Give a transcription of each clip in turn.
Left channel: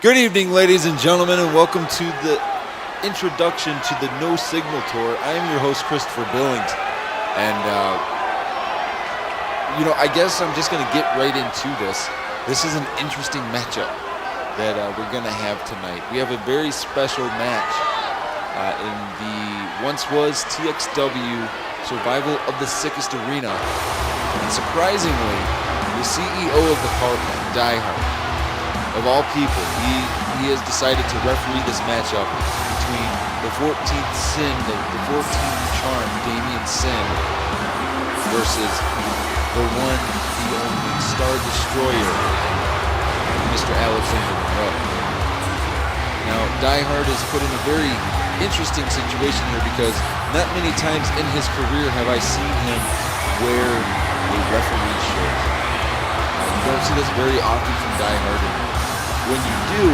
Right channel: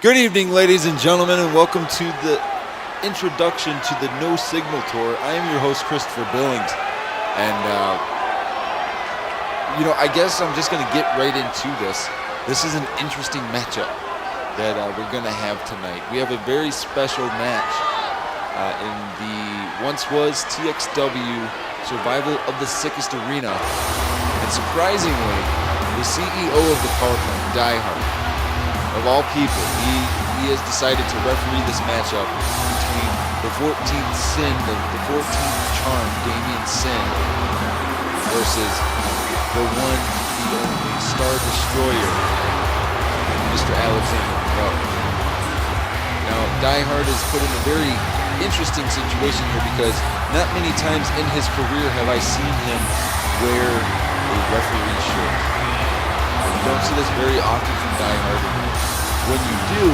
Good evening, ladies and gentlemen, and welcome to the introduction to the No Signal Tour. I am your host, Christopher Billings, and, I guess I'm just going to get right into this. This is an interesting matchup that we're going to have tonight. We have a very special match in the once was TXW Survival of the Sickest Arena, and surprisingly, the CEO of the power plant, Diehard, of all people, he has decided to referee this matchup between the 14th Sin, the 14th Charm, Damien Sin, versus the one, the only Star Destroyer, Mr. Alexander Monroe. Now, Diehard is put in a very interesting situation here because not many times in his career have I seen him wear a referee shirt. You don't see this very often from Diehard, and when you do,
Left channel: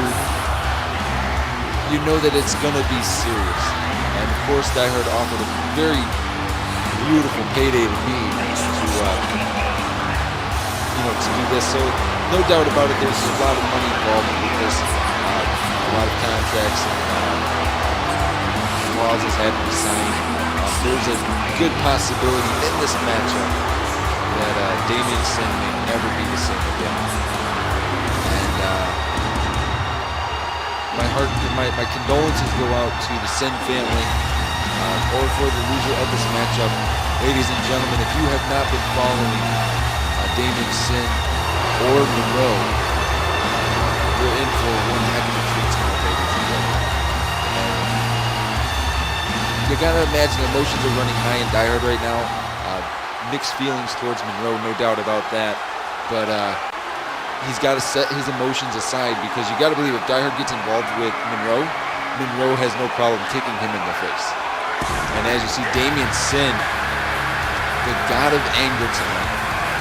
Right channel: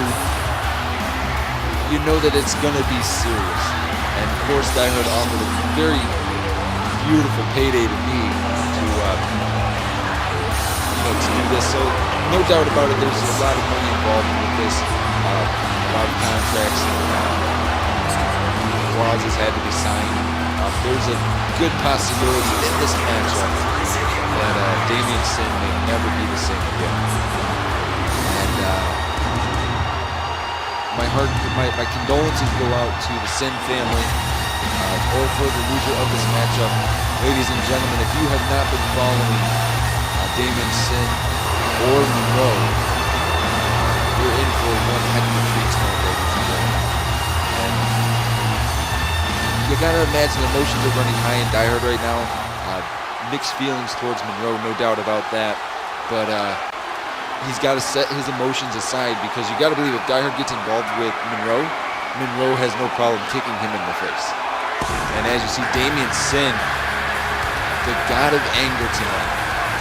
you know that it's going to be serious. And of course, Diehard offered a very beautiful payday to me to do this. So no doubt about it, there's a lot of money involved with this. A lot of contracts and clauses had to be signed. There's a good possibility in this matchup that Damien Sin may never be the same again. And my condolences go out to the Sin family, or for the loser of this matchup. Ladies and gentlemen, if you have not been following Damien Sin or Monroe, you're in for one heck of a treat tonight, ladies and gentlemen. And you gotta imagine emotions are running high in Diehard right now. Mixed feelings towards Monroe, no doubt about that. But he's got to set his emotions aside, because you got to believe if Diehard gets involved with Monroe, Monroe has no problem kicking him in the face. And as you see, Damien Sin, the god of anger tonight,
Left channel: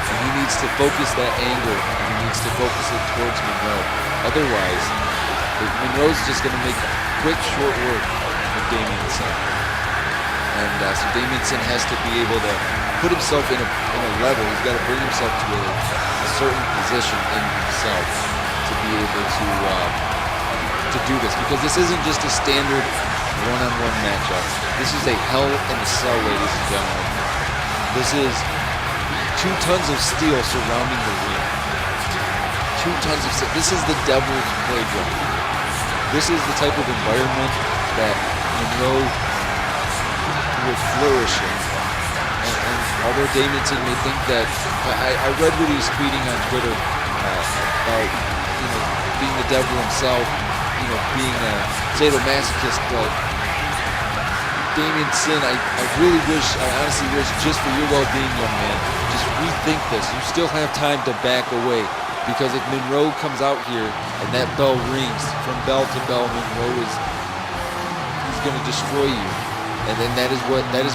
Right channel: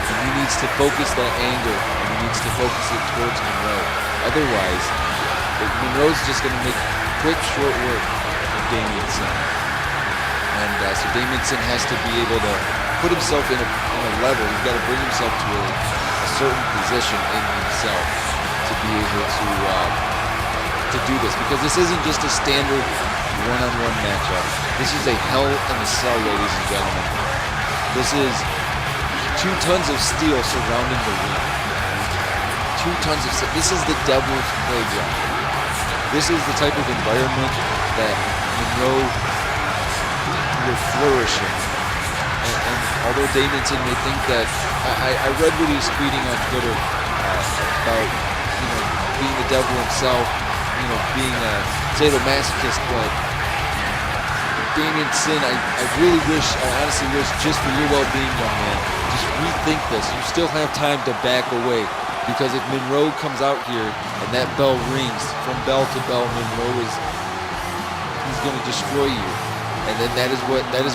and he needs to focus that anger, and he needs to focus it towards Monroe. Otherwise, Monroe's just going to make quick, short work of Damien Sin. And so Damien Sin has to be able to put himself in a level. He's got to bring himself to a certain position in himself to be able to do this, because this isn't just a standard one-on-one matchup. This is a hell in a cell, ladies and gentlemen. This is 2 tons of steel surrounding the ring. 2 tons of steel. This is the devil's playground. This is the type of environment that Monroe would flourish in. And although Damien Sin may think that, I read what he was tweeting on Twitter about, being the devil himself, being a sadomasochist, but Damien Sin, I honestly wish, just for your well-being, young man, just rethink this. You still have time to back away, because if Monroe comes out here and that bell rings from bell to bell, he's going to destroy you. And then that is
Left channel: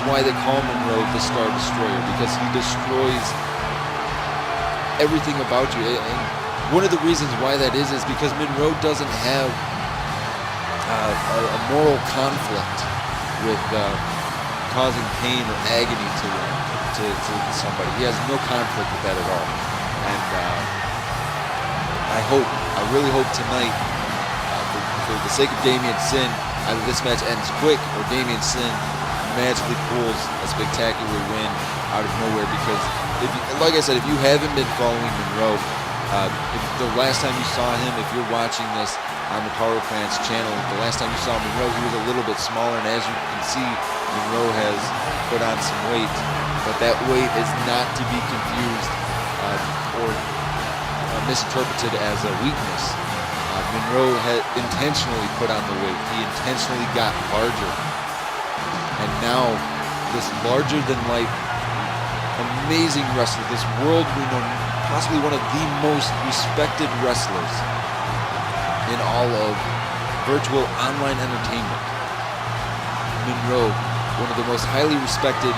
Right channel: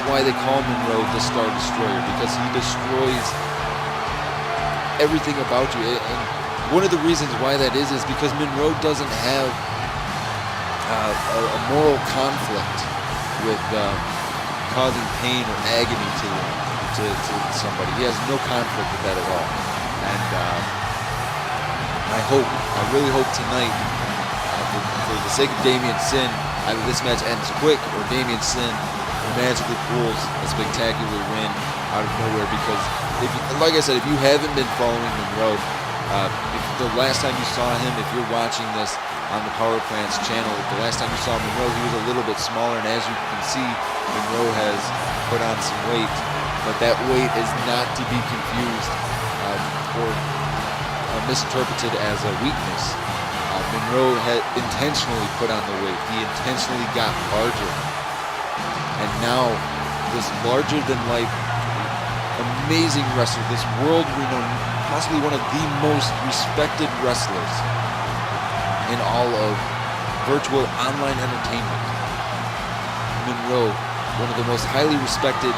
why they call Monroe the Star Destroyer, because he destroys everything about you. And one of the reasons why that is because Monroe doesn't have a moral conflict with causing pain or agony to somebody. He has no conflict with that at all. And I really hope tonight, for the sake of Damien Sin, either this match ends quick or Damien Sin magically pulls a spectacular win out of nowhere. Because, like I said, if you haven't been following Monroe, if the last time you saw him, if you're watching this on the Power Plant's channel, the last time you saw Monroe, he was a little bit smaller, and as you can see, Monroe has put on some weight, but that weight is not to be confused or misinterpreted as a weakness. Monroe had intentionally put on the weight. He intentionally got larger. And now, this larger-than-life, amazing wrestler, this world-renowned, possibly one of the most respected wrestlers in all of virtual online entertainment, Monroe, one of the most highly respected,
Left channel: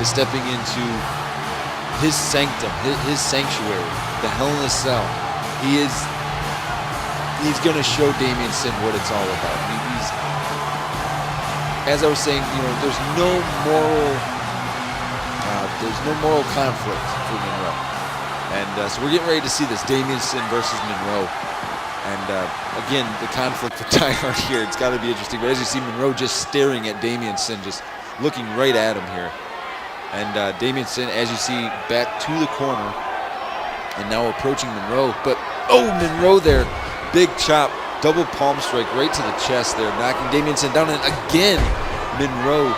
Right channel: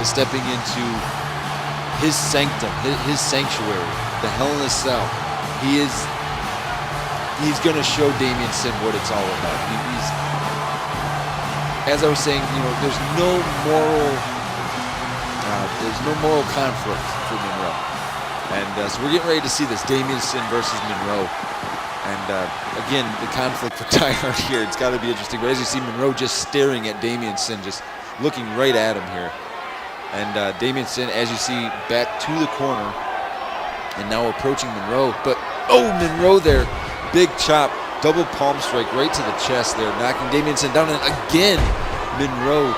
is stepping into his sanctum, his sanctuary, the Hell in a Cell. He's going to show Damien Sin what it's all about. He's, as I was saying, there's no moral conflict for Monroe. And so we're getting ready to see this, Damien Sin versus Monroe. And again, the conflict with Die Hard here, it's got to be interesting. But as you see, Monroe just staring at Damien Sin, just looking right at him here. And Damien Sin, as you see, back to the corner and now approaching Monroe. But, oh, Monroe there, big chop, double palm strike right to the chest there, knocking Damien Sin down. And again, Monroe,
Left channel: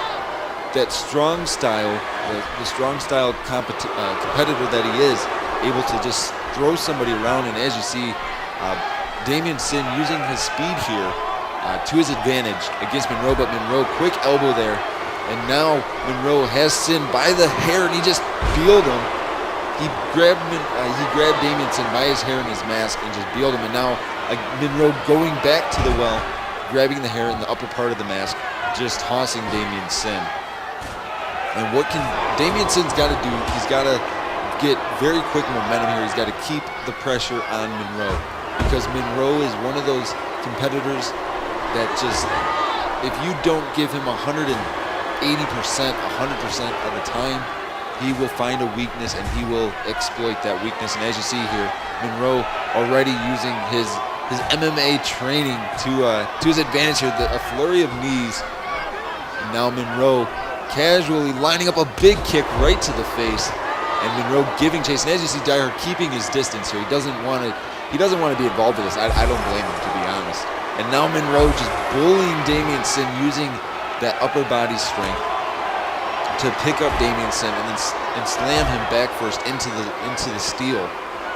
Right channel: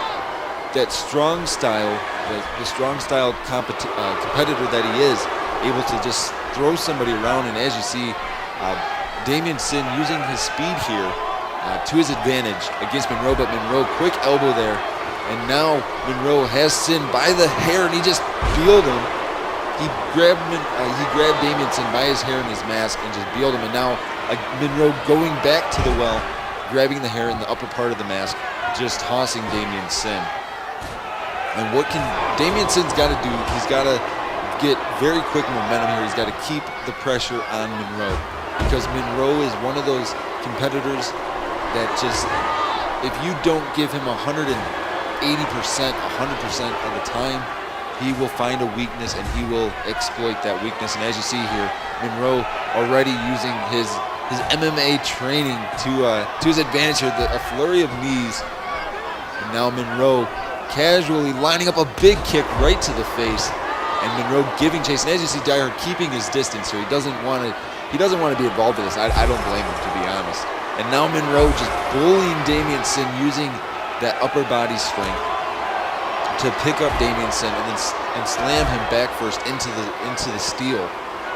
that strong style, the strong style competitor that he is, able to just throw somebody around. And as you see, Damien Sin using his speed here to his advantage against Monroe, but Monroe, quick elbow there, and now Monroe has Sin by the hair, and he just bealed him. He grabbed Damien Sin by his hair and his mask and just bealed him, and now Monroe going back to the well, grabbing the hair in the upper part of the mask, just tossing Damien Sin. And what can Damien Sin's got to do? He's got to get very quick momentum here. He's got to keep the pressure on Monroe, because Monroe is one of those competitors that just, if you don't give him 180%, 100% of the time, he will find a weakness and he will exploit that weakness. And as you see here, Monroe already using his MMA training to his advantage here, a flurry of knees. And now Monroe casually lining up a big kick right to the face, and Monroe giving chase. And as you see, Die Hard keeping his distance here. He doesn't want to be involved in this. I don't blame him, to be honest. And now Monroe just bullying Damien Sin, using that upper body strength to pick up Damien Sin and slam him back first into the steel.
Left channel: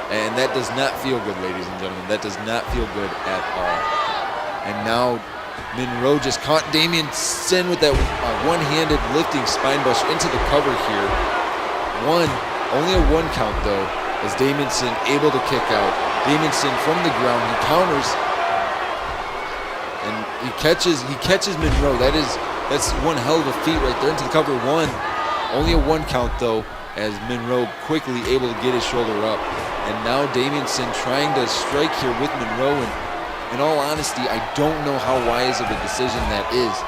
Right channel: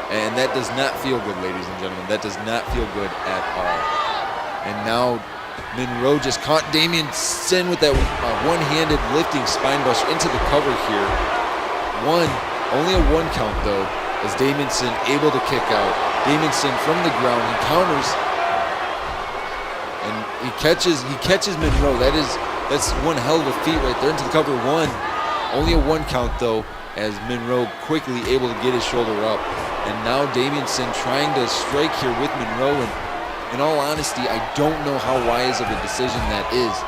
And that does not feel good, ladies and gentlemen. That does not feel good at all. And now Monroe just caught Damien Sin with that one-handed lifting spine buster into the cover here. Only a one count though, as Damien Sin able to kick out. Damien Sin from the ground, he counters, and he catches Monroe. That's one hell of a feat right there into the cover. Only a one count though, as Monroe quickly able to get his shoulder up. And now Damien Sin trying to strike here with Monroe, and in all honesty, I don't know how wise of a decision that is.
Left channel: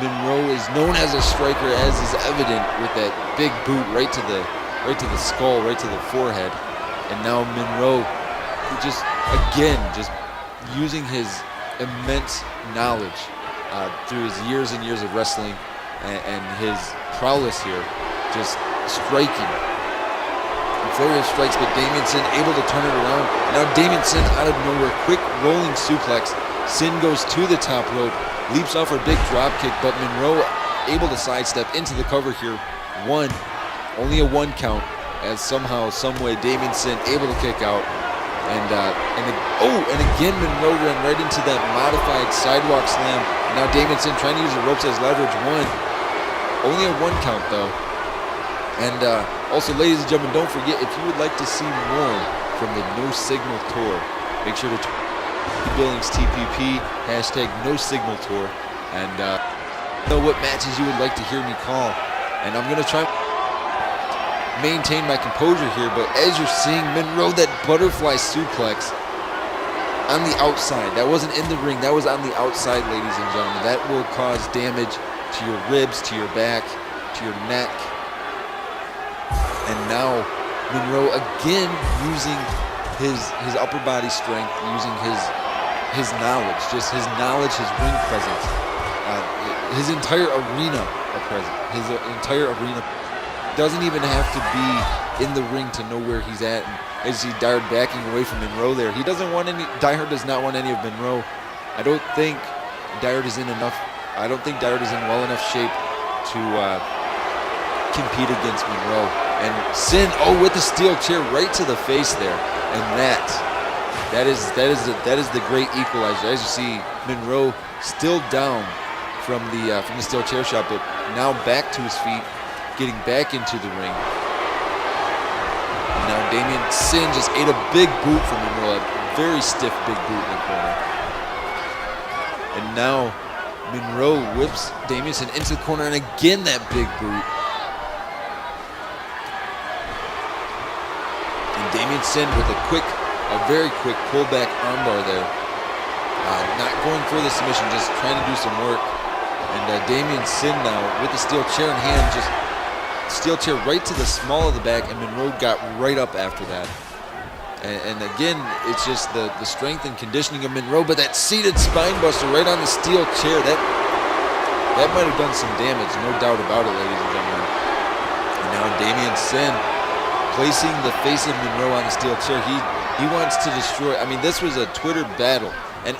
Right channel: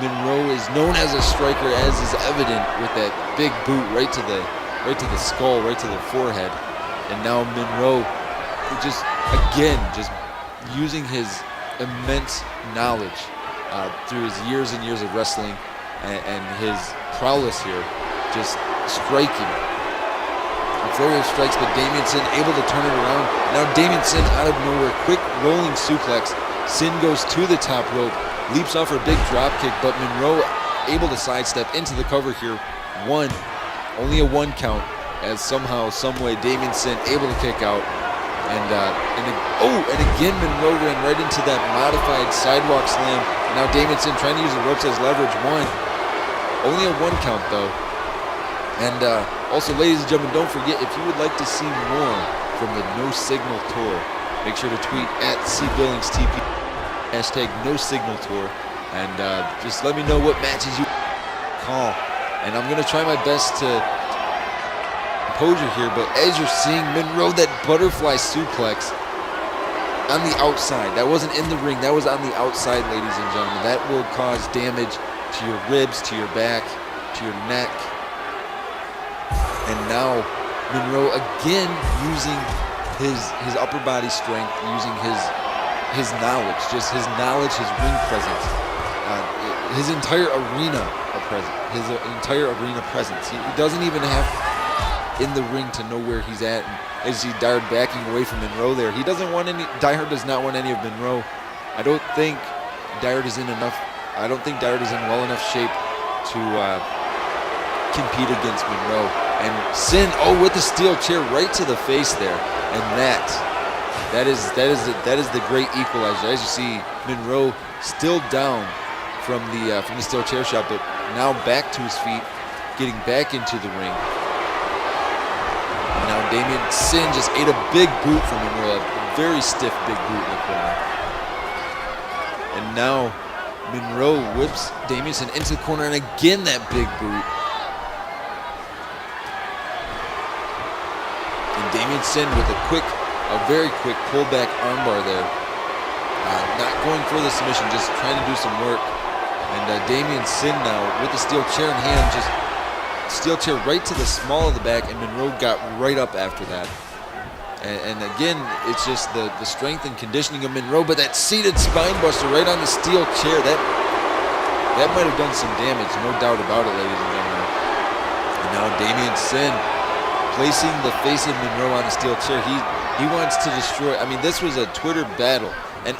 Monroe is known as a striker, as is evident with that big boot right to the skull, right to the forehead. And now Monroe just using his immense knowledge through his years and years of wrestling and his prowess here, just striking. A flurry of strikes, but Damien Sin able to turn it around. And now Damien Sin out of nowhere, quick rolling suplex. Sin goes to the top rope, leaps off her big drop kick, but Monroe able to sidestep into the cover here. Only a one count, as somehow, someway, Damien Sin able to kick out. And again Monroe ran right into that modified sidewalk slam. And now Damien Sin trying to use the ropes as leverage. Only a one count though. And also, ladies and gentlemen, don't forget, if you would like to see more from the No Signal Tour, make sure to tweet at CBillingsTPP, #No Signal Tour, and just let me know what matches you would like to hear me call. And I'm going to try my best to maintain my composure here, but as you're seeing Monroe, that butterfly suplex on the outside, that wasn't in the ring, that was on the outside, ladies and gentlemen. That will cause damage to your ribs, to your back, to your neck. And now Monroe again using his upper body strength, using his knowledge, his ring presence, his entire arena presence. He doesn't even have to be in the ring to know where he's at. And as he Die Hard backing away from Monroe there, Die Hard does not want any of Monroe. I don't think Die Hard is in well enough shape to compete against Monroe. And Sin, with the steel chair right to the face there, and that is the great equalizer. As you see, Monroe still down from the steel chair shot, but now back to his feet, getting back into the ring. And now Damien Sin just ate a big boot from Monroe, a very stiff big boot in the corner. And now Monroe whips Damien Sin into the corner, and again that big boot. And Damien Sin with a very quick pullback armbar there. Not going for the submission, just trying to do some work. And Damien Sin now with the steel chair in hand, just steel chair right to the small of the back, and Monroe got right up after that. And again, it's just the strength and conditioning of Monroe, but that seated spine buster right on the steel chair, that might have done some damage, no doubt about it, ladies and gentlemen. And now Damien Sin placing the face of Monroe on the steel chair. He wants to destroy. I mean, this was a Twitter battle. And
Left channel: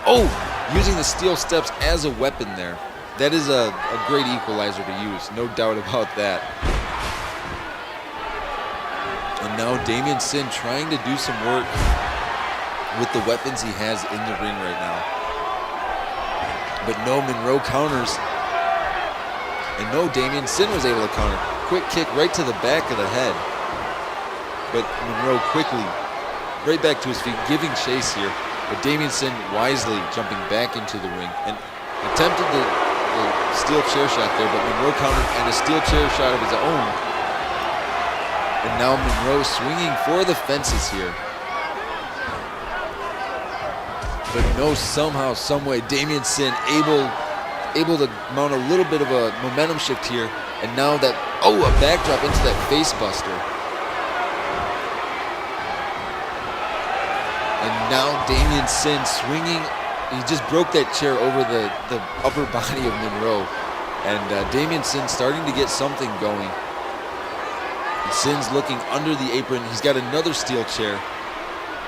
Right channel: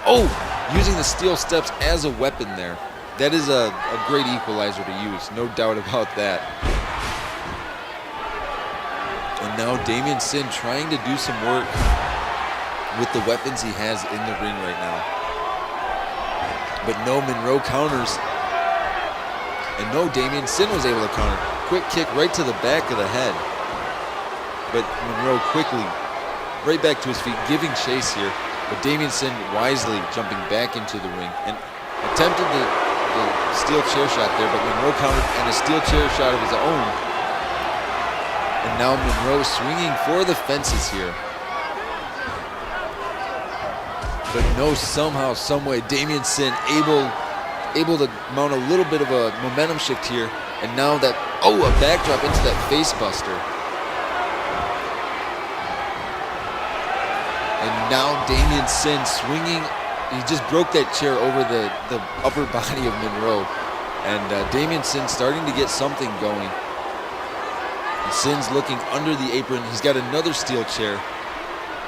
using the steel steps as a weapon there. That is a great equalizer to use, no doubt about that. And now Damien Sin trying to do some work with the weapons he has in the ring right now. But no, Monroe counters. And no, Damien Sin was able to counter. Quick kick right to the back of the head. But Monroe quickly right back to his feet, giving chase here. But Damien Sin wisely jumping back into the ring and attempted the steel chair shot there, but Monroe countered and a steel chair shot of his own. And now Monroe swinging for the fences here. But no, somehow, some way, Damien Sin able to mount a little bit of a momentum shift here. And now that, a backdrop into that face buster. And now Damien Sin swinging. He just broke that chair over the upper body of Monroe. And Damien Sin starting to get something going. And Sin's looking under the apron. He's got another steel chair.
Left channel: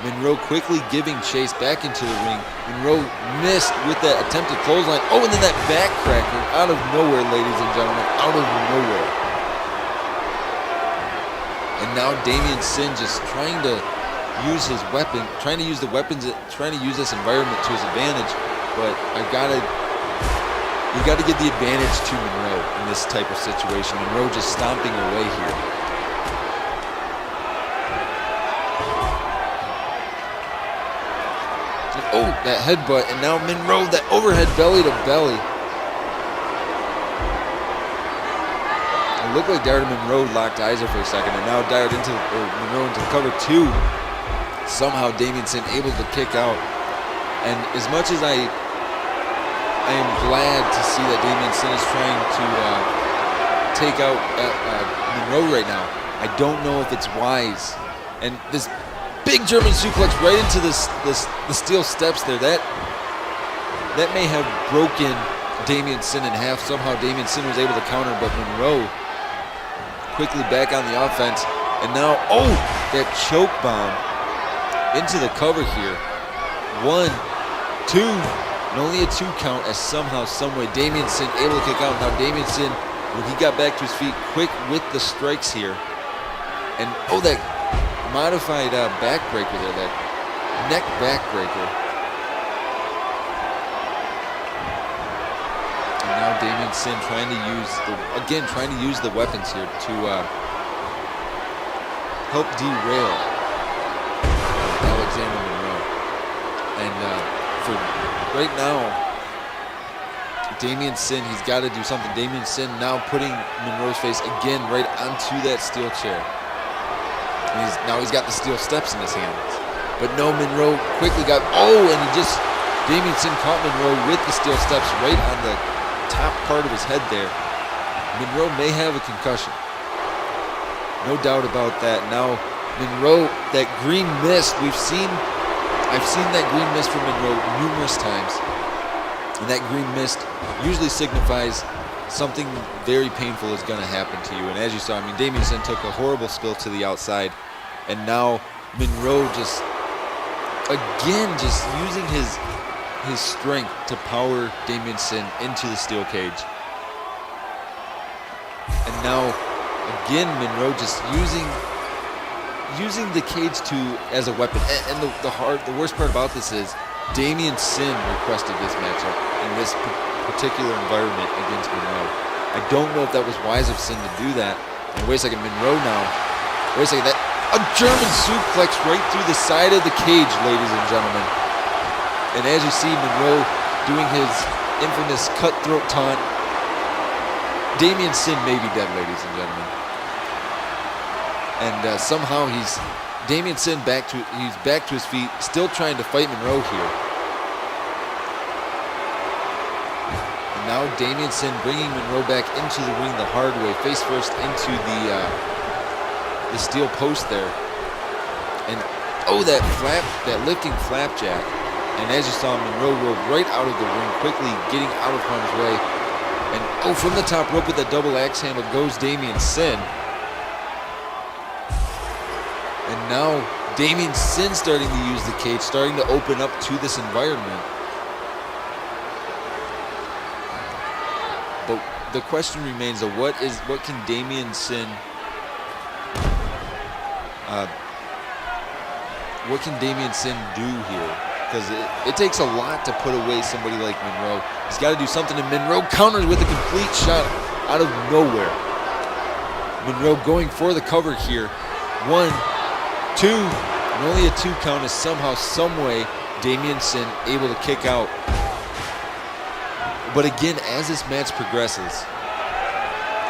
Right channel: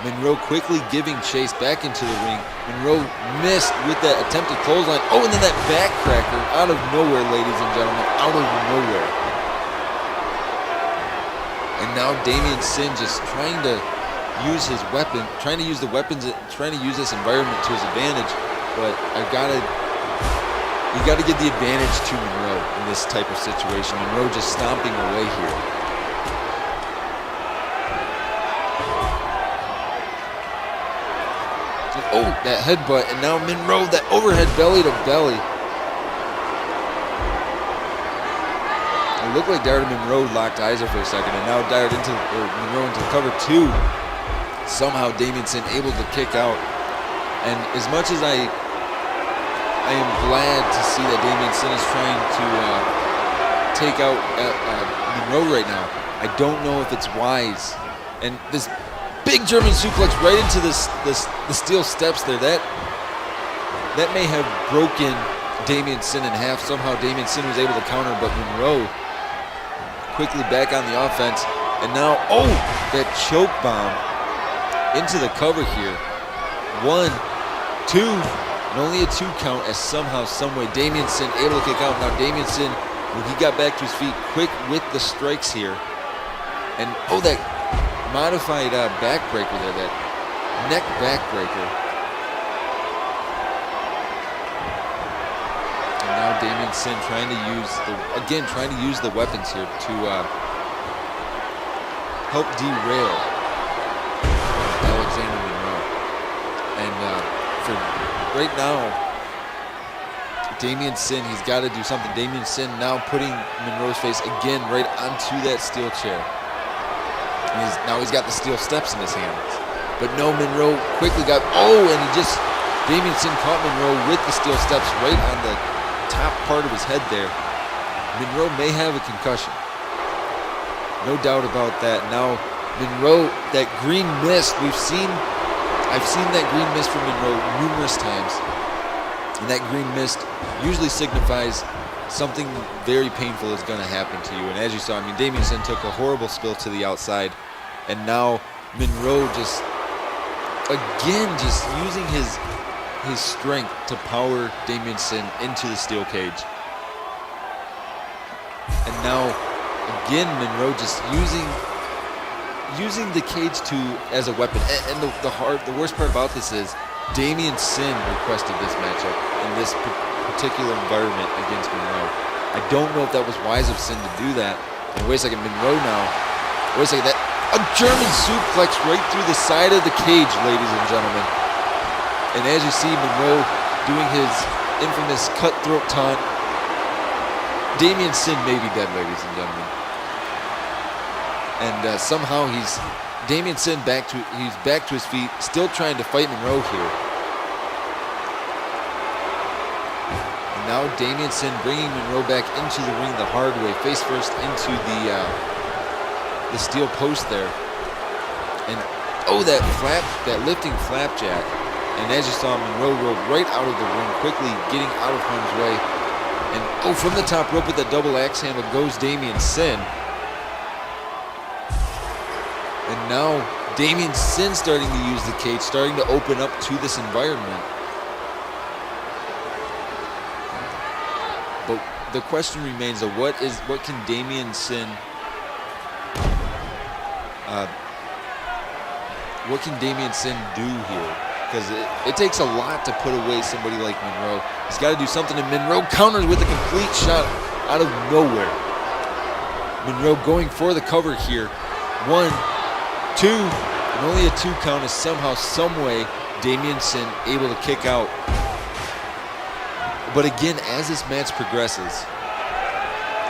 Monroe quickly giving chase back into the ring. Monroe missed with that attempted clothesline. And then that backcracker out of nowhere, ladies and gentlemen, out of nowhere. And now Damien Sin just trying to use his weapon, trying to use the weapons, trying to use this environment to his advantage. But you gotta give the advantage to Monroe in this type of situation. Monroe just stomping away here. And that headbutt, and now Monroe, that overhead belly to belly. It looked like Dyer and Monroe locked eyes there for a second, and now Monroe into the cover two. Somehow Damien Sin able to kick out. And as much as I am glad to see that Damien Sin is trying to take out Monroe right now, I don't know if it's wise. And this big German suplex right into the steel steps there, that may have broken Damien Sin in half. Somehow Damien Sin was able to counter, but Monroe quickly back on the offense. And now, that choke bomb into the cover here. 1, 2, and only a 2 count, as somehow, someway, Damien Sin able to kick out. Now Damien Sin, when he got back to his feet, quick with the strikes here. And that modified backbreaker there, that neck backbreaker. And now Damien Sin trying to use the weapons here to help derail Alexander Monroe. And for right now, Damien Sin, he's got to do something. Damien Sin now putting Monroe's face again right onto that steel chair. And he's got the steel steps in his hands. But no, Monroe quickly got, and Damien Sin caught Monroe with the steel steps right on the top part of his head there. Monroe may have a concussion. No doubt about that. Now, Monroe, that green mist, I've seen that green mist from Monroe numerous times. And that green mist usually signifies something very painful is going to happen to you. And as you saw, Damien Sin took a horrible spill to the outside. And now Monroe just using his strength to power Damien Sin into the steel cage. And now, again, Monroe just using the cage as a weapon. And the worst part about this is Damien Sin requested this matchup in this particular environment against Monroe. I don't know if that was wise of Sin to do that. And wait a second, Monroe now. Wait a second, a German suplex right through the side of the cage, ladies and gentlemen. And as you see, Monroe doing his infamous cutthroat taunt. Damien Sin may be dead, ladies and gentlemen. And somehow Damien Sin he's back to his feet, still trying to fight Monroe here. And now Damien Sin bringing Monroe back into the ring the hard way, face first into the steel post there. And Oh, that lifting flapjack. And as you saw, Monroe rolled right out of the ring, quickly getting out of harm's way. And oh, from the top rope with that double axe handle goes Damien Sin. And now Damien Sin starting to use the cage, starting to open up to this environment. But the question remains of what can Damien Sin do here? Because it takes a lot to put away somebody like Monroe. He's got to do something, and Monroe counters with a complete shot out of nowhere. Monroe going for the cover here. 1, 2, and only a 2 count is somehow, someway, Damien Sin able to kick out. But again, as this match progresses,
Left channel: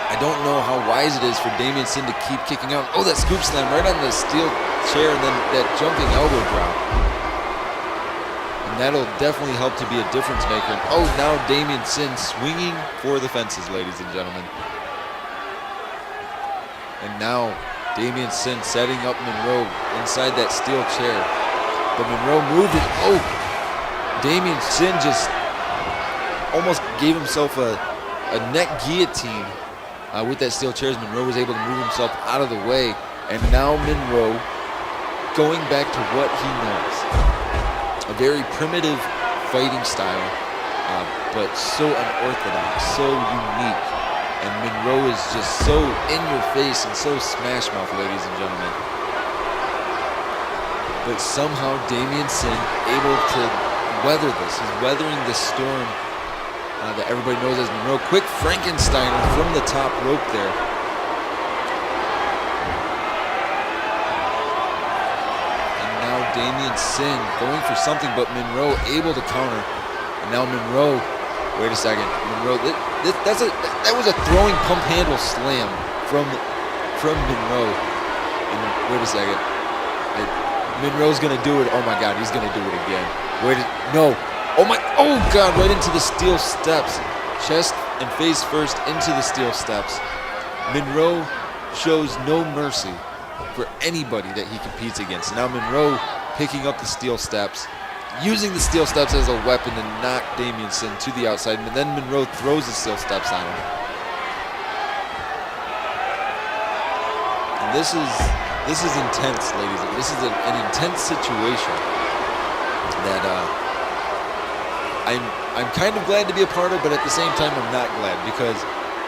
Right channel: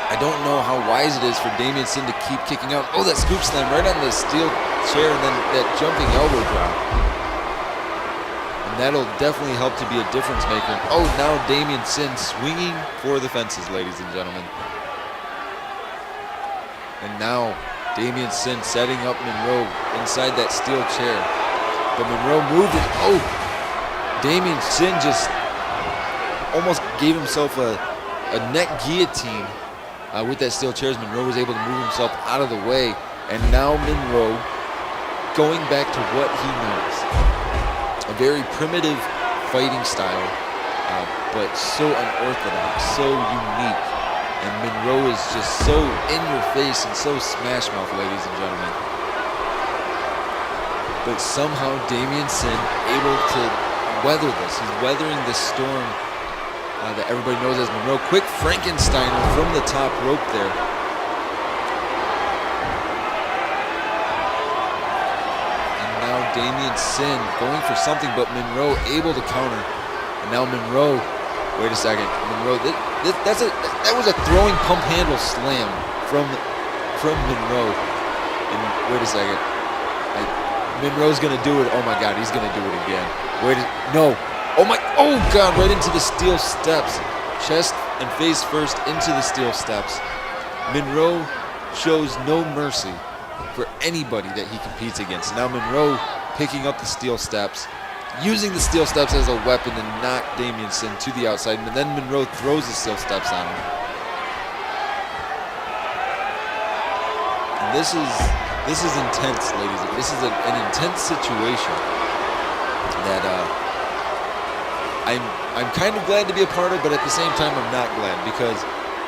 I don't know how wise it is for Damien Sin to keep kicking out. Oh, that scoop slam right on the steel chair, and then that jumping elbow drop. And that'll definitely help to be a difference maker. And oh, now Damien Sin swinging for the fences, ladies and gentlemen. And now Damien Sin setting up Monroe inside that steel chair. But Monroe moved, and oh, Damien Sin just almost gave himself a neck guillotine with that steel chair as Monroe was able to move himself out of the way. And now Monroe going back to what he knows. A very primitive fighting style, but so unorthodox, so unique. And Monroe is just so in your face and so smash mouth, ladies and gentlemen. But somehow Damien Sin able to weather this. He's weathering this storm that everybody knows as Monroe. Quick Frankensteiner from the top rope there. Now Damien Sin going for something, but Monroe able to counter. And now Monroe, wait a second, Monroe, that was a throwing pump handle slam from Monroe. And wait a second, Monroe's gonna do it. Oh my God, he's gonna do it again. No, oh God, right into the steel steps, chest and face first into the steel steps. Monroe shows no mercy for anybody that he competes against. And now Monroe picking up the steel steps, using the steel steps as a weapon to knock Damien Sin to the outside, and then Monroe throws the steel steps on him. And this is intense, ladies. This is an intense situation that I'm kind of glad to be a part of, but at the same time I'm not glad, because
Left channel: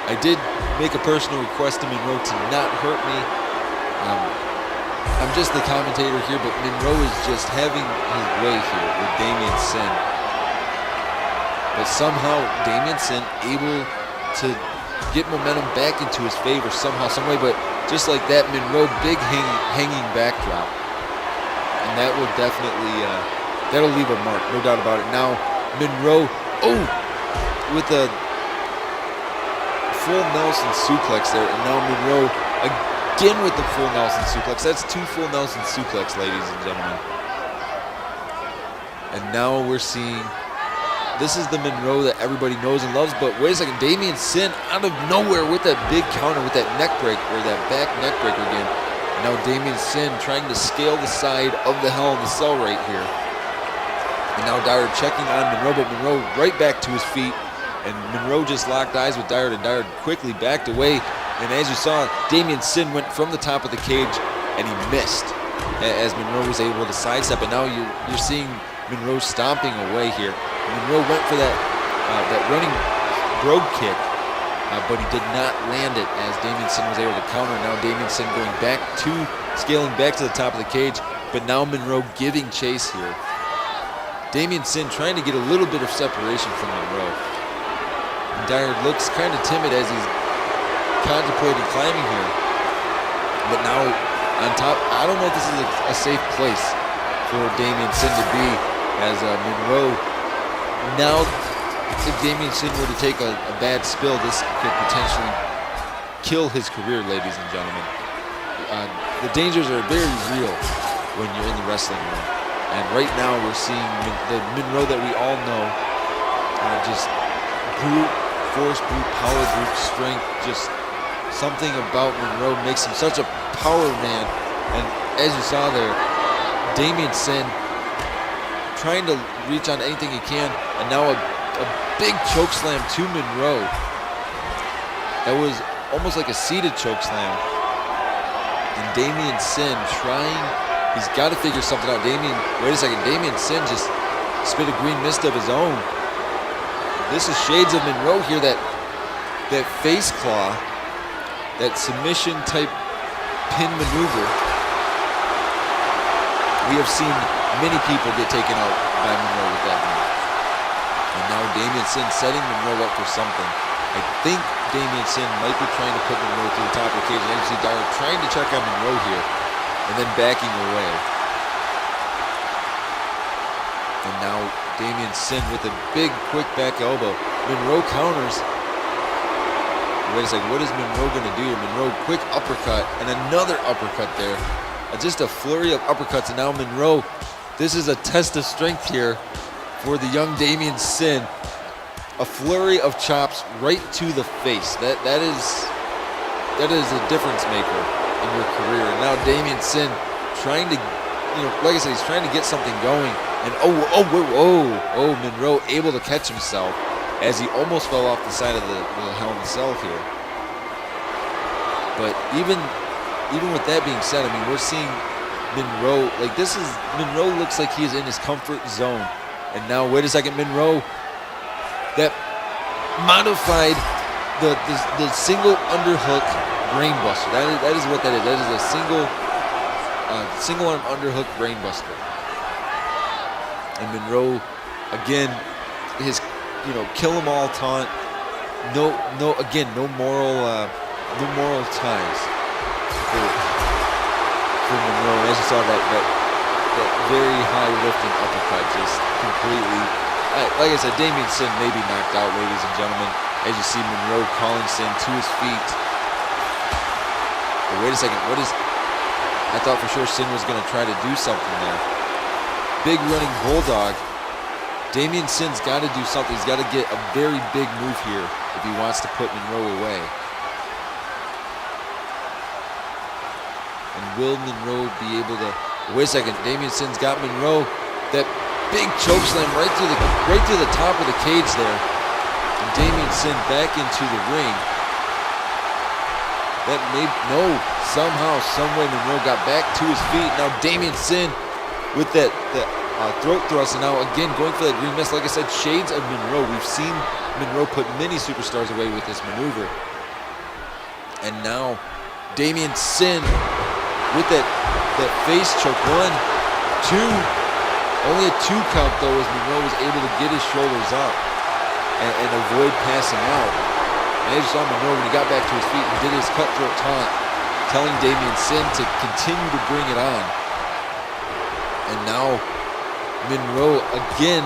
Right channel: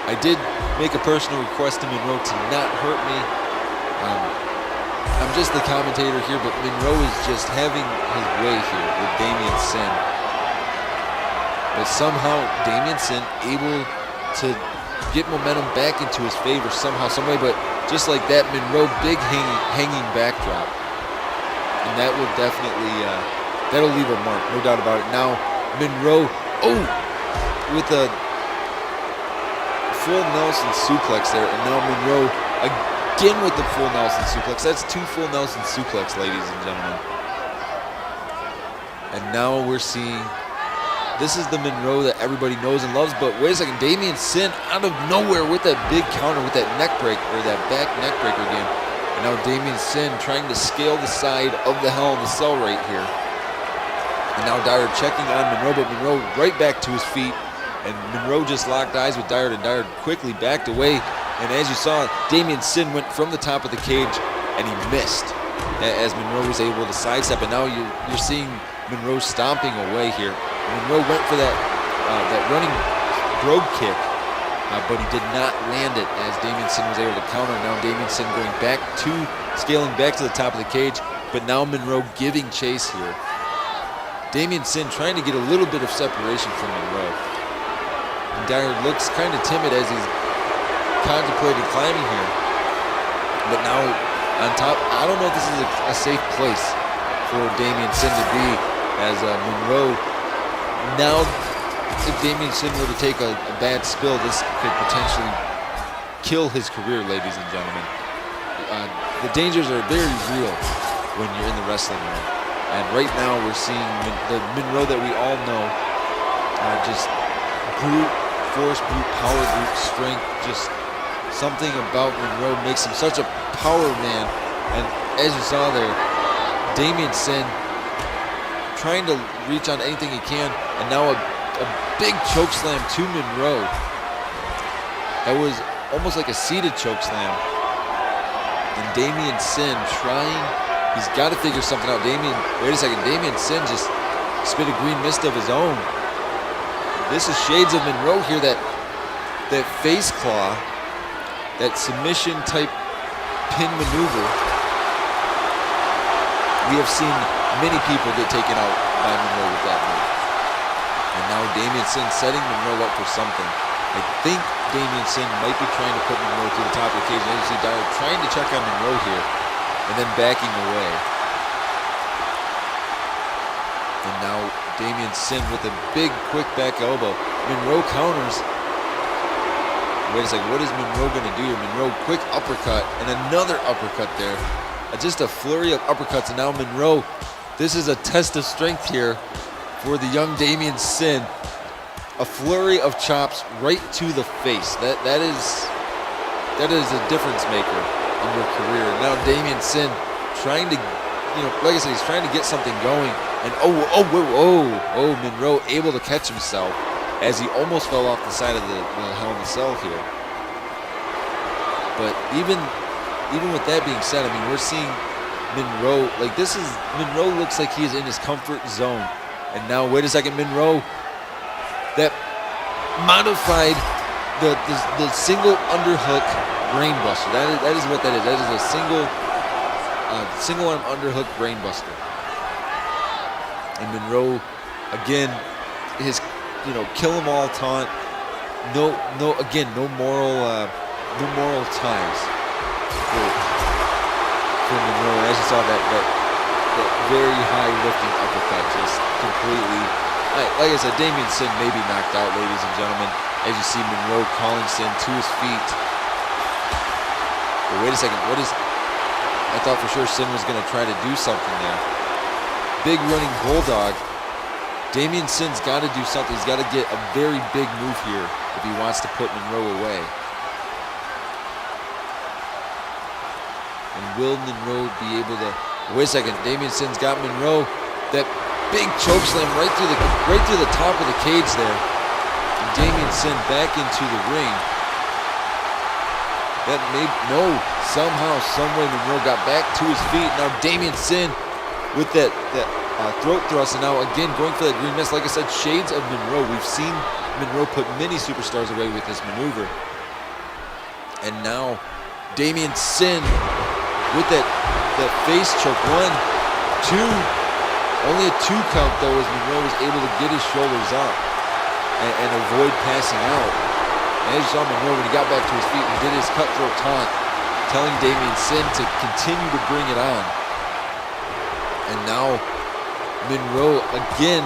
I did make a personal request to Monroe to not hurt me. I'm just the commentator here, but Monroe is just having his way here with Damien Sin. But somehow Damien Sin able to get momentum back into his favor somehow, some way. But just like that, Monroe big hanging backdrop, and that will definitely that'll leave a mark, no doubt about it. Now Monroe, with a full Nelson suplex there, and now Monroe again with the full Nelson suplex. That's 2 full Nelson suplex, ladies and gentlemen. And now we're seeing, this is the Monroe that everybody knows and loves. But wait a second, Damien Sin out of nowhere with that big counter, with that neck break, or that back neck breaker again. And now Damien Sin trying to scale the side of the Hell in the Cell right here. And now Dyer checking on Monroe, but Monroe right back to his feet. And Monroe just locked eyes with Dyer, and Dyer quickly backed away. And as you saw, Damien Sin went from the top of the cage, and he missed as Monroe was able to sidestep. And now you're seeing Monroe stomping away here. Monroe went for that running brogue kick, but he did not land it as Damien Sin was able to counter. Now Damien Sin scaling back to the top of the cage, but now Monroe giving chase here. Damien Sin trying to get a little bit of separation from Monroe. And Dyer looks kind of timid as he's contemplating climbing here. But now on top, I don't know if this is a safe place for Damien Sin to be, as Monroe, now if Damien Sin were to take a bad spill, this could potentially kill his career, ladies and gentlemen. The dangers are very real when you're in the wrestling ring. And right now we're seeing the Monroe that we all know, just brute force, brute power, brute strength. Just something about Monroe makes him such a power man. And as you saw there, Damien Sin trying to reach on anything he can, and now a big choke slam to Monroe. That was almost like a seated choke slam. And Damien Sin trying, he's got to figure something out. Wait a second, Damien Sin just spit a green mist of his own. This is shades of Monroe here, that face claw, that submission type pin maneuver. We have seen many people get taken out by Monroe with that move. And now Damien Sin setting Monroe up for something. I think Damien Sin might be trying to put Monroe through the top of the cage. And as you see, Dyer trying to check on Monroe here and then backing away. And now Damien Sin with a big quick back elbow. Monroe counters. Wait a second, what is Monroe going to do here? Monroe, quick uppercut and another uppercut there. Just a flurry of uppercuts, and now Monroe, this is a test of strength here for the young Damien Sin. A flurry of chops right to the face. That is a difference maker in your career. And now Damien Sin trying to, like I said, he's trying to get something going. And Monroe able to catch himself as he almost fell off the side of the Hell in the Cell here. But even with that being said, I mean, we're seeing Monroe, Monroe looks like he is in his comfort zone. And now, wait a second, Monroe, that modified the single underhook brainbuster. That is what that is. That is a single arm underhook brainbuster. And Monroe, again, his kill 'em all taunt. No moral ties for Monroe. And as you saw, that very high lifting uppercut just completely, like I said, Damien Sin may be knocked out, ladies and gentlemen, as you see Monroe calling Sin to his feet. But wait a second, I thought for sure Sin was going to try to do something there. Big running bulldog. Damien Sin's got to do something. He's got to get a very big move here if he wants to put Monroe away. And will Monroe be able to? Wait a second, Damien Sin's got Monroe. That big choke slam right through the top of the cage there. And Damien Sin back into the ring. Somehow, someway Monroe got back to his feet. Now Damien Sin with that throat thrust, and now again going for that green mist. Like I said, shades of Monroe. We've seen Monroe put many superstars away with this maneuver. And now Damien Sin with that face choke. 1, 2. Only a 2 count though, as Monroe was able to get his shoulders up and avoid passing out. And as you saw Monroe, when he got back to his feet, he did his cutthroat taunt, telling Damien Sin to continue to bring it on. And now Monroe again,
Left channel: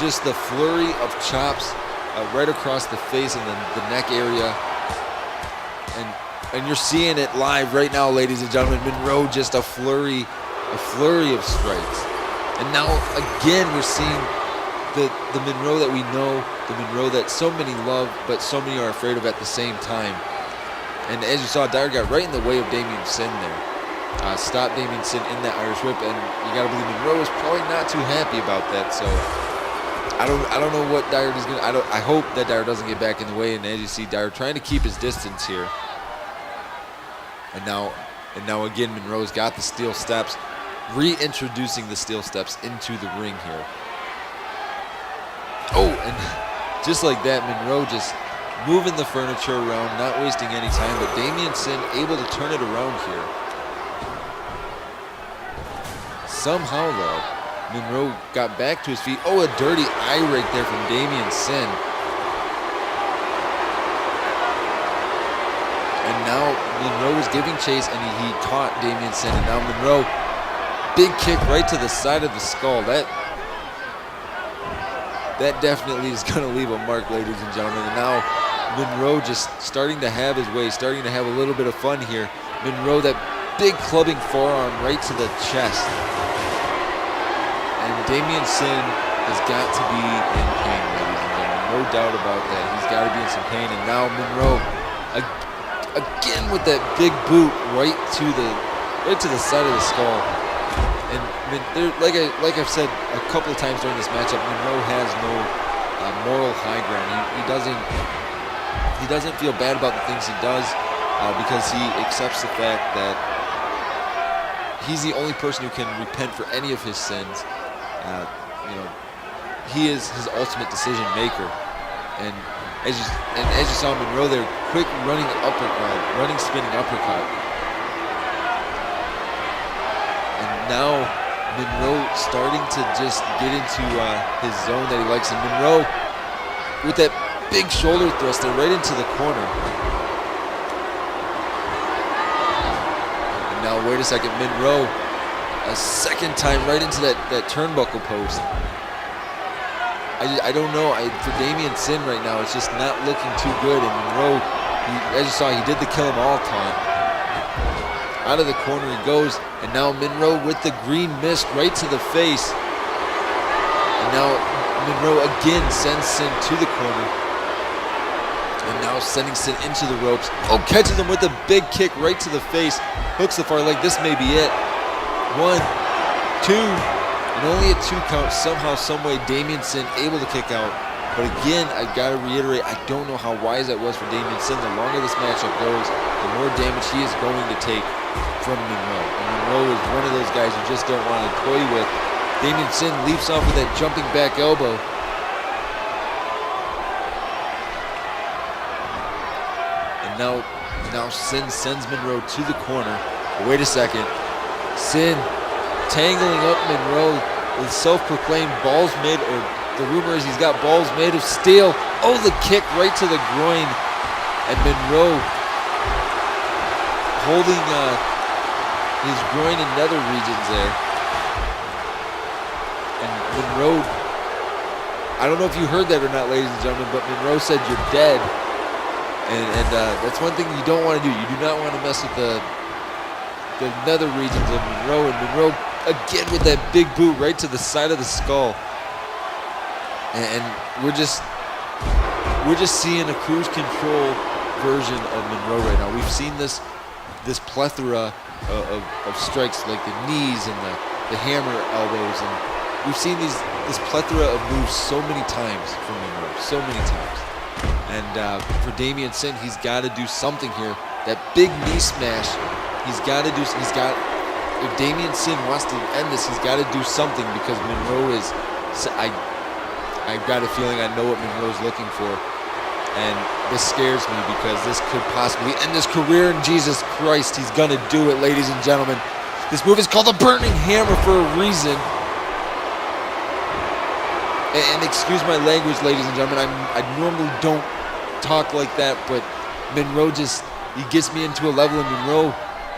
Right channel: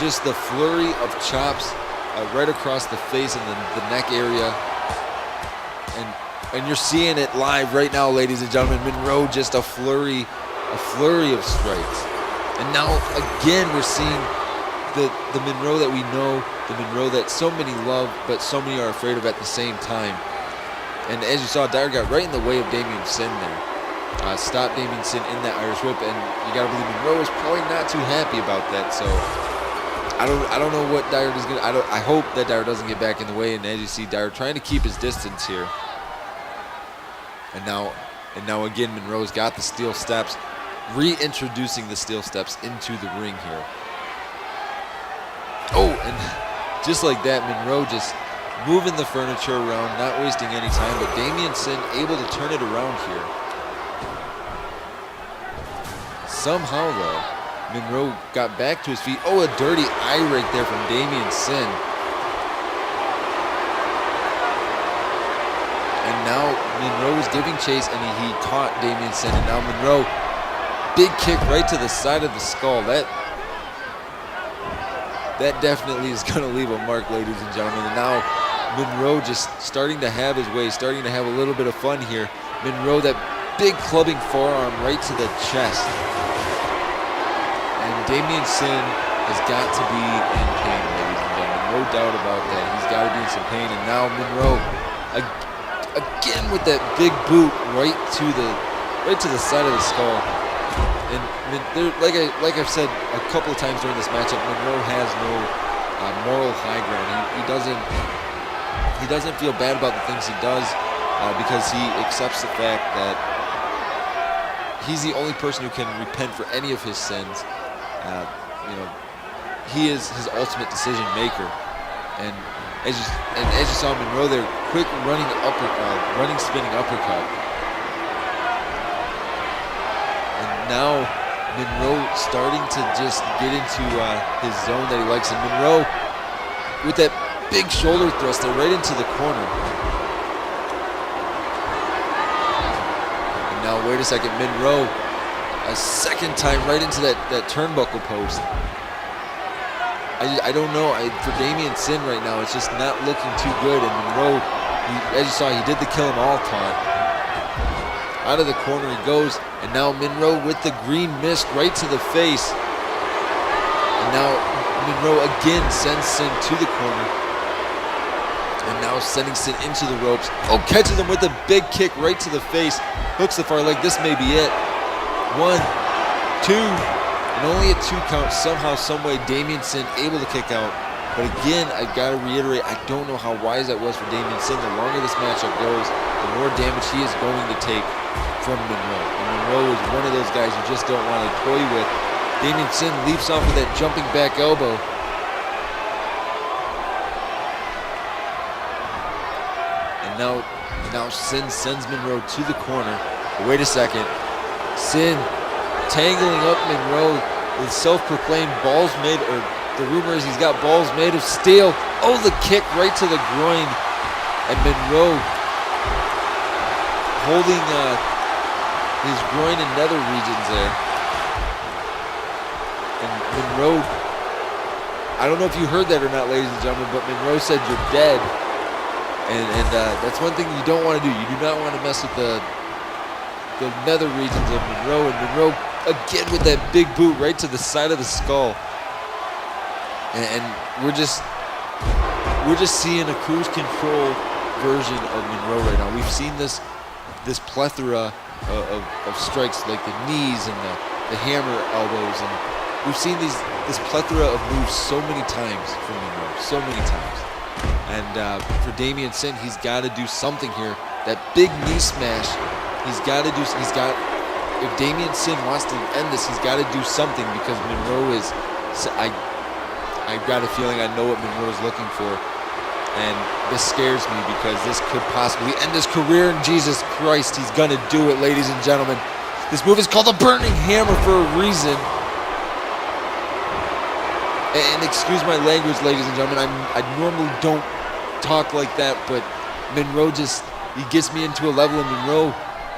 just the flurry of chops right across the face and the neck area. And you're seeing it live right now, ladies and gentlemen. Monroe, just a flurry of strikes. And now again we're seeing the Monroe that we know, the Monroe that so many love but so many are afraid of at the same time. And as you saw, Dyer got right in the way of Damien Sin there. Stopped Damien Sin in that Irish whip, and you got to believe Monroe is probably not too happy about that. So I don't know what Dyer is going to. I hope that Dyer doesn't get back in the way. And as you see, Dyer trying to keep his distance here. And now again, Monroe's got the steel steps, reintroducing the steel steps into the ring here. Oh, and just like that, Monroe just moving the furniture around, not wasting any time, but Damien Sin able to turn it around here. Somehow, though, Monroe got back to his feet. Oh, a dirty eye rake there from Damien Sin. And now Monroe was giving chase, and he caught Damien Sin. And now Monroe, big kick right to the side of the skull. That definitely is going to leave a mark, ladies and gentlemen. And now Monroe just starting to have his way, starting to have a little bit of fun here. Monroe, that big clubbing forearm right to the chest. And Damien Sin has got to be in pain, ladies and gentlemen. No doubt about that. He's got to be in some pain. And now Monroe, again with that big boot right to the side of the skull. And like I've said a couple of times during this matchup, Monroe has no moral high ground. He doesn't feel bad about the things he does because he accepts the fact that he's the only person who can repent for any of his sins. He is his ultimate decision maker. And as you saw Monroe there, quick running spinning uppercut. And now Monroe starting to just get into his zone that he likes. And Monroe with that big shoulder thrust there right into the corner. And now wait a second, Monroe a second time right into that turnbuckle post. I don't know. For Damien Sin right now, it's just not looking too good. And Monroe, as you saw, he did the kill him all taunt. Out of the corner he goes, and now Monroe with the green mist right to the face. And now Monroe again sends Sin to the corner. And now sending Sin into the ropes. Oh, catches him with a big kick right to the face. Hooks the far leg. This may be it. 1, 2, and only a 2 count. Somehow, someway, Damien Sin able to kick out. But again, I gotta reiterate, I don't know how wise that was for Damien Sin. The longer this matchup goes, the more damage he is going to take from Monroe. And Monroe is one of those guys you just don't want to toy with. Damien Sin leaps off with that jumping back elbow. And now Sin sends Monroe to the corner. But wait a second. Sin tangling up Monroe with self-proclaimed balls made, or the rumor is he's got balls made of steel. Oh, the kick right to the groin. And Monroe holding his groin and nether regions there. And Monroe, I don't know if you heard that or not, ladies and gentlemen, but Monroe said you're dead. And that's one thing you don't want to do. You do not want to mess with the nether regions of Monroe. And Monroe again with that big boot right to the side of the skull. And we're just seeing a cruise control version of Monroe right now. We've seen this plethora of strikes like the knees and the hammer elbows, and we've seen this plethora of moves so many times from Monroe, so many times. And for Damien Sin, he's got to do something here. That big knee smash, if Damien Sin wants to end this, he's got to do something, because Monroe is, I've got a feeling I know what Monroe's looking for. And this scares me, because this could possibly end his career. And Jesus Christ, he's going to do it, ladies and gentlemen. This move is called the Burning Hammer for a reason. And excuse my language, ladies and gentlemen. I normally don't talk like that, but Monroe he gets me into a level. And Monroe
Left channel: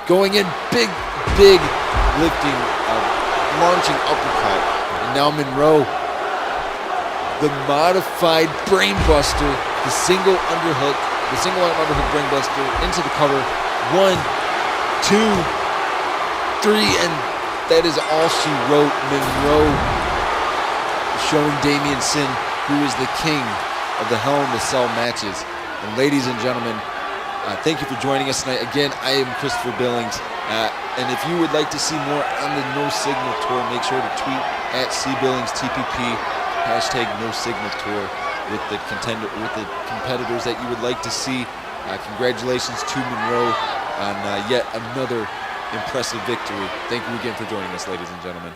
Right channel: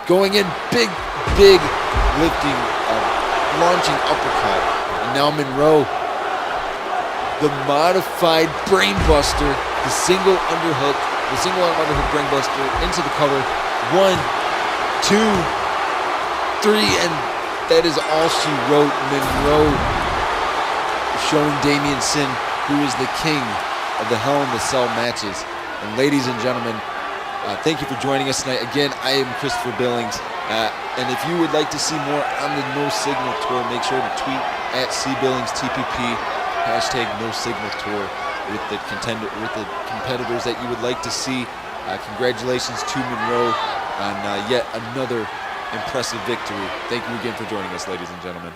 going in big lifting, launching uppercut. And now Monroe, the modified brainbuster, the single arm underhook brainbuster into the cover. 1, 2, 3, and that is all she wrote. Monroe showing Damien Sin who is the king of the Hell in the Cell matches. And ladies and gentlemen, thank you for joining us tonight. Again, I am Christopher Billings. And if you would like to see more on the No Signal Tour, make sure to tweet at CBillingsTPP, hashtag No Signal Tour, with the competitors that you would like to see. Congratulations to Monroe on yet another impressive victory. Thank you again for joining us, ladies and gentlemen.